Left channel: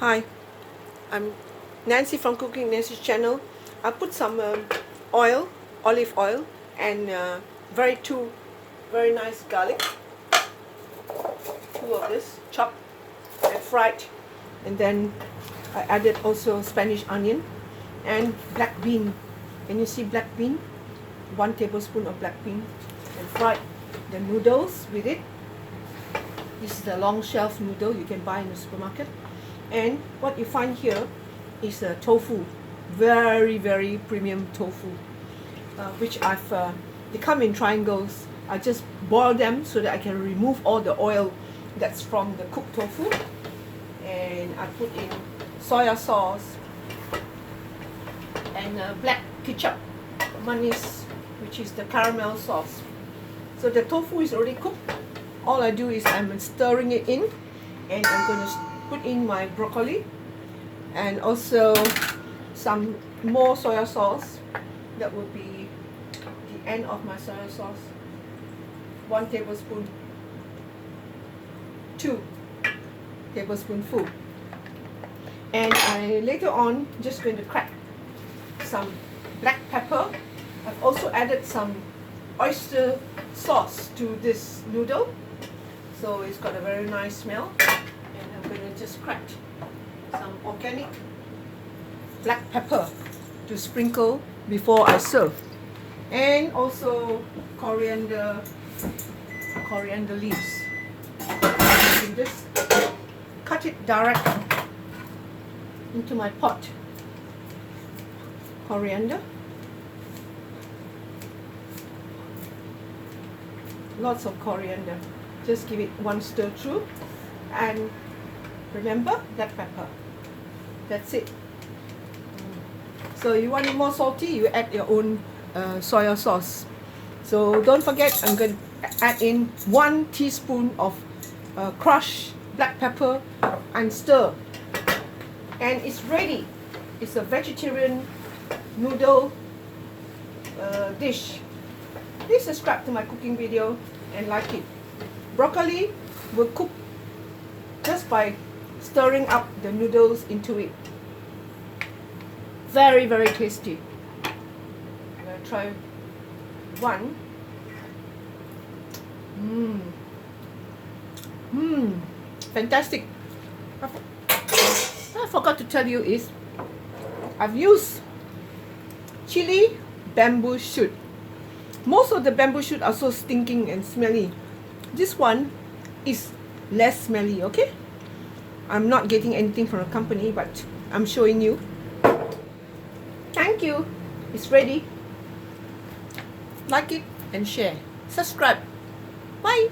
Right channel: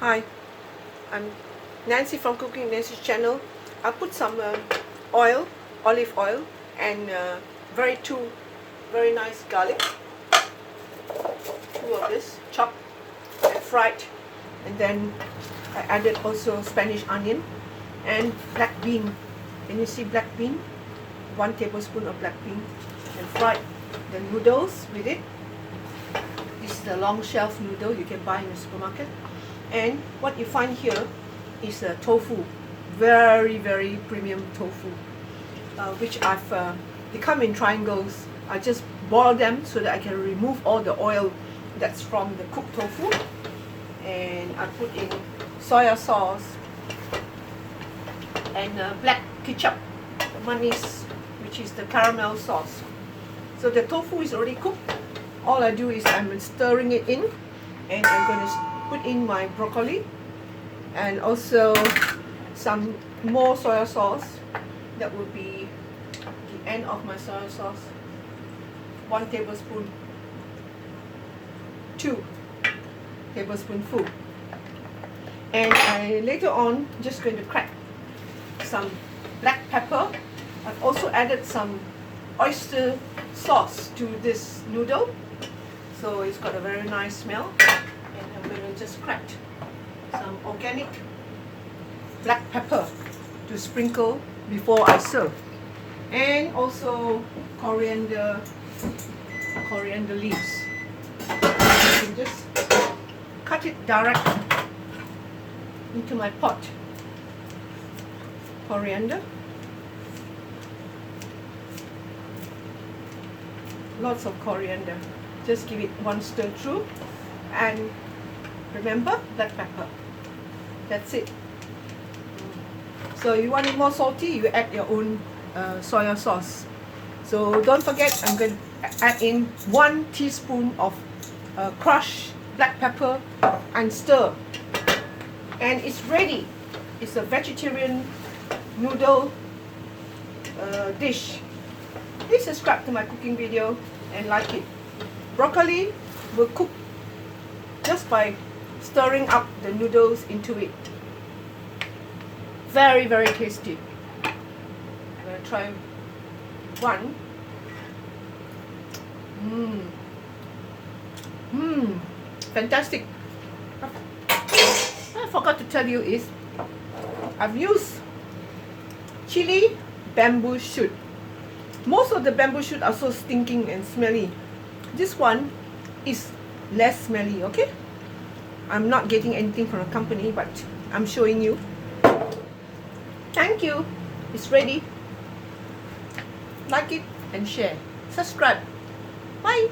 Hi, I'm Nancy from Cooking Nancy's channel. I put some olive oil, and two very nice garlic. Two of this chopped and fried, and then I added also Spanish onion and black bean. Can you see black bean? 1 tablespoon of black bean, and fried the noodles with it. This is a long shelf noodle you can buy in the supermarket. And what you find here is a tofu, very premium tofu, which they come in triangles. I just boil them so that I can remove all the oil that's from the cooked tofu. And I put in soya sauce and black ketchup, mayonnaise, which is the caramel sauce. So the tofu is already cooked. All I do is I'm stirring it in, and I'm going to put in my broccoli and also some more soya sauce. That would be the end of my soya sauce. 1 tablespoon, 2 tablespoonful. And I later on just going to crack some black pepper. I've also added some oyster sauce to this noodle, so it's got a very nice smell. And I'm going to just crack some organic black pepper to sprinkle before I serve, and also coriander leaves. You can just cut it direct into my pot. Coriander, lots of coriander. Just give it one stir through, and remember, black pepper. That's it. So you want it more salty, you add your own soya sauce. So don't forget, I'm going to add in 1 teaspoon of crushed black pepper and stir. And it's ready. It's a vegetarian noodle dish. Please subscribe to my cooking video and like it. Broccoli will cook just by stirring up the noodles into it. Very tasty. I'm going to try one. Fantastic. I forgot to tell you is I've used chili bamboo shoot. Most of the bamboo shoot are so stinking and smelly. This one is less smelly, okay? I'm not getting anything from a company, but I'm showing you. Thank you. It's ready. Like it and share. Subscribe. Bye.